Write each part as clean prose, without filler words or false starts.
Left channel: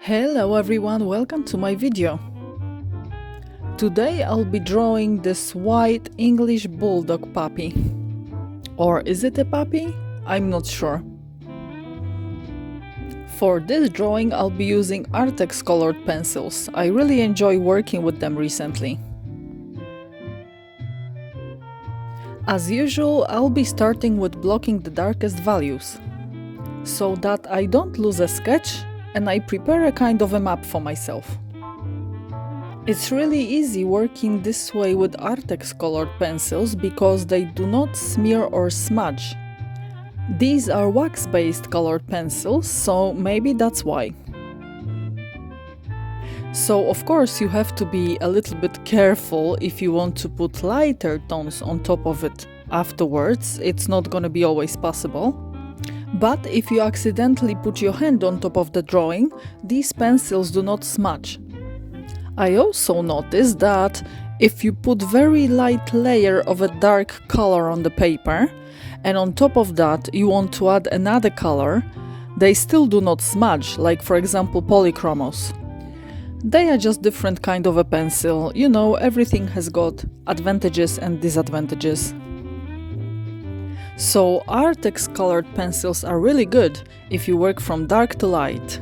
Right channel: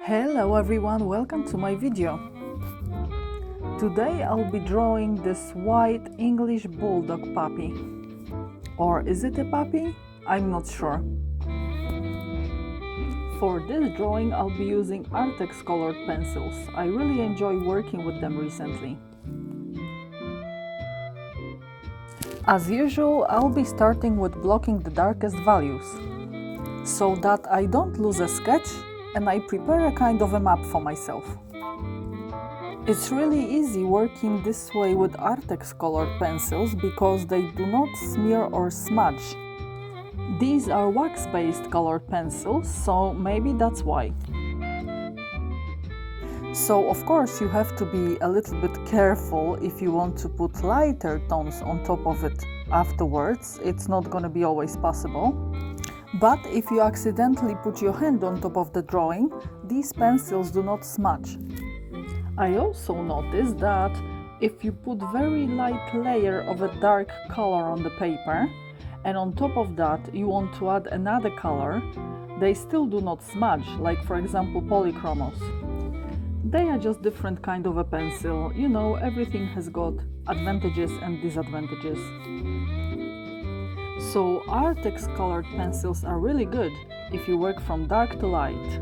Hello everyone, welcome to my video. Today I'll be drawing this white English bulldog puppy. Or is it a puppy? I'm not sure. For this drawing I'll be using Arrtx colored pencils. I really enjoy working with them recently. As usual, I'll be starting with blocking the darkest values, so that I don't lose a sketch and I prepare a kind of a map for myself. It's really easy working this way with Arrtx colored pencils because they do not smear or smudge. These are wax-based colored pencils, so maybe that's why. So of course you have to be a little bit careful if you want to put lighter tones on top of it afterwards. It's not gonna be always possible. But if you accidentally put your hand on top of the drawing, these pencils do not smudge. I also noticed that if you put very light layer of a dark color on the paper, and on top of that you want to add another color, they still do not smudge, like for example polychromos. They are just different kind of a pencil. You know, everything has got advantages and disadvantages. So Arrtx colored pencils are really good if you work from dark to light.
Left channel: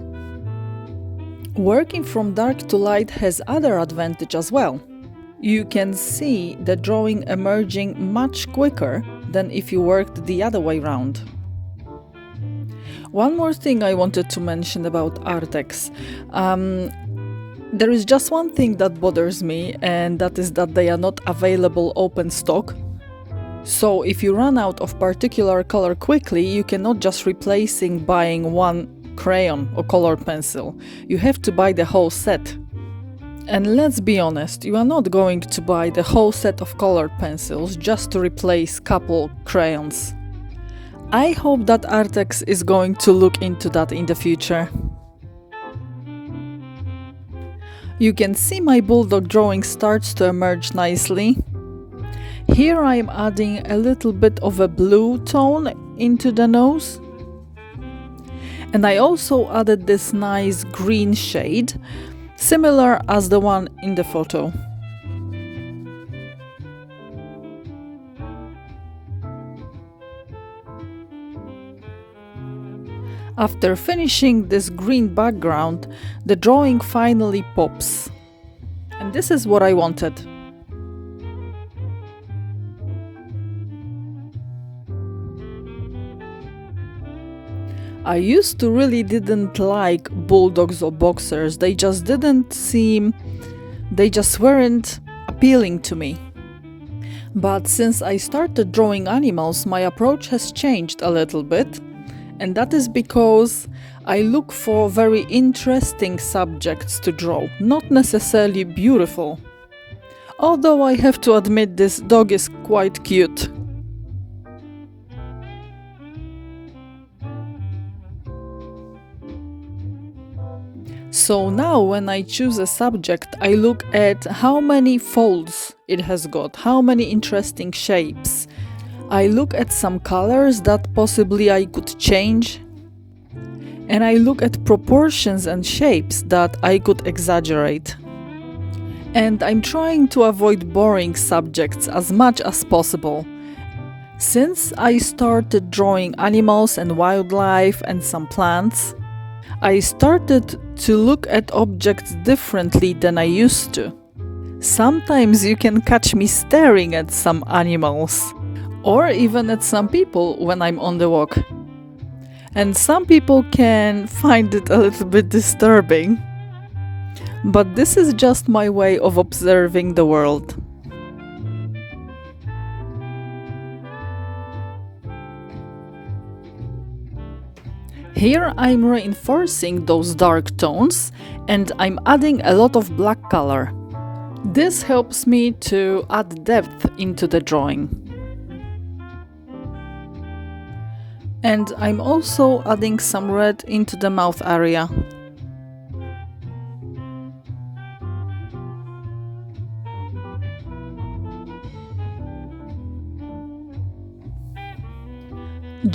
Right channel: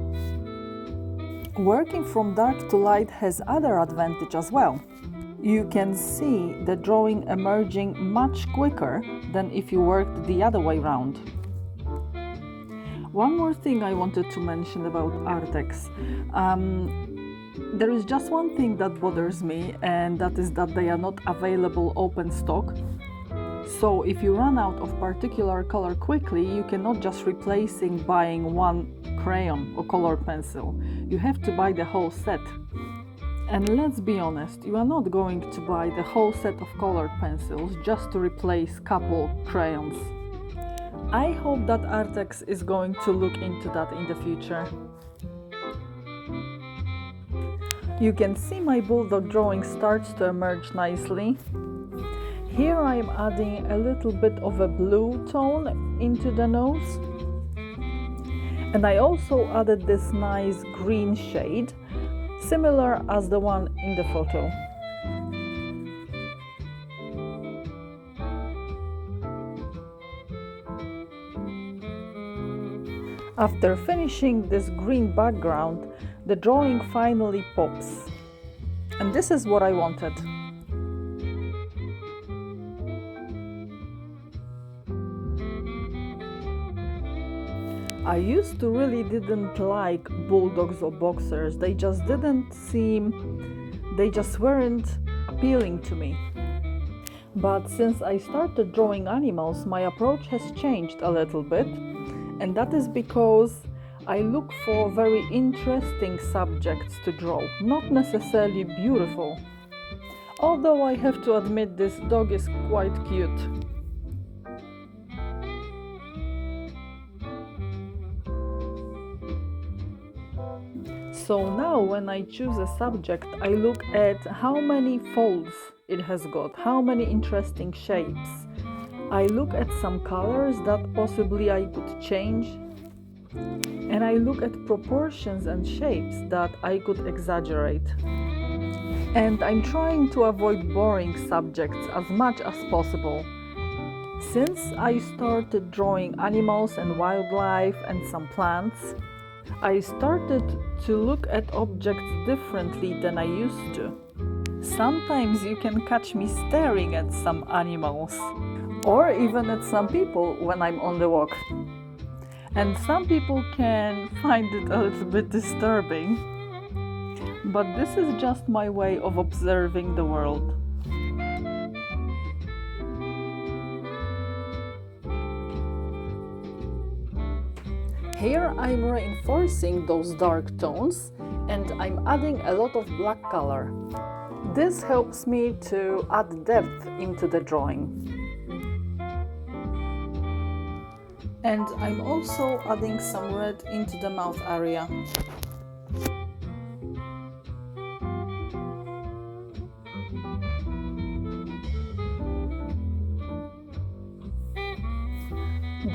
Working from dark to light has other advantage as well. You can see the drawing emerging much quicker than if you worked the other way round. One more thing I wanted to mention about Arrtx. There is just one thing that bothers me, and that is that they are not available open stock. So if you run out of particular color quickly, you cannot just replacing buying one crayon or colored pencil. You have to buy the whole set. And let's be honest, you are not going to buy the whole set of colored pencils just to replace couple crayons. I hope that Arrtx is going to look into that in the future. You can see my bulldog drawing starts to emerge nicely. Here I am adding a little bit of a blue tone into the nose. And I also added this nice green shade, similar as the one in the photo. After finishing this green background, the drawing finally pops. And this is what I wanted. I used to really didn't like bulldogs or boxers. They just weren't appealing to me. But since I started drawing animals, my approach has changed a little bit. And that is because I look for very interesting subjects to draw, not necessarily beautiful. Although I have to admit this dog is quite cute. So now when I choose a subject, I look at how many folds it has got, how many interesting shapes. I look at some colors that possibly I could change. And I look at proportions and shapes that I could exaggerate. And I'm trying to avoid boring subjects as much as possible. Since I started drawing animals and wildlife and some plants, I started to look at objects differently than I used to. Sometimes you can catch me staring at some animals, or even at some people when I'm on the walk. And some people can find it a little bit disturbing. But this is just my way of observing the world. Here I'm reinforcing those dark tones and I'm adding a lot of black color. This helps me to add depth into the drawing. And I'm also adding some red into the mouth area.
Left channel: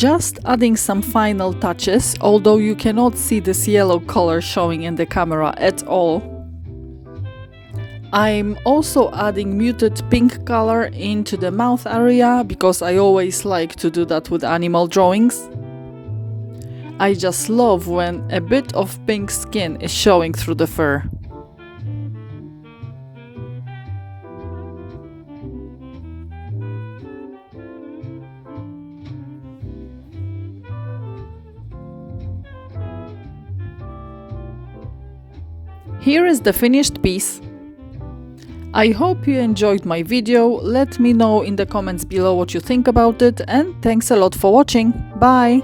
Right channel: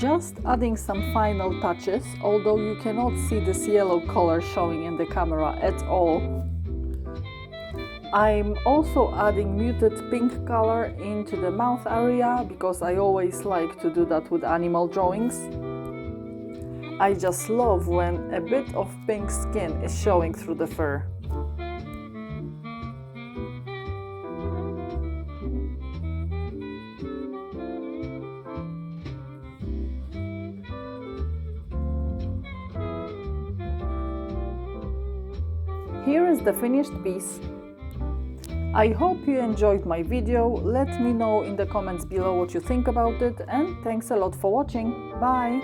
Just adding some final touches, although you cannot see this yellow color showing in the camera at all. I'm also adding muted pink color into the mouth area because I always like to do that with animal drawings. I just love when a bit of pink skin is showing through the fur. Here is the finished piece. I hope you enjoyed my video. Let me know in the comments below what you think about it, and thanks a lot for watching. Bye!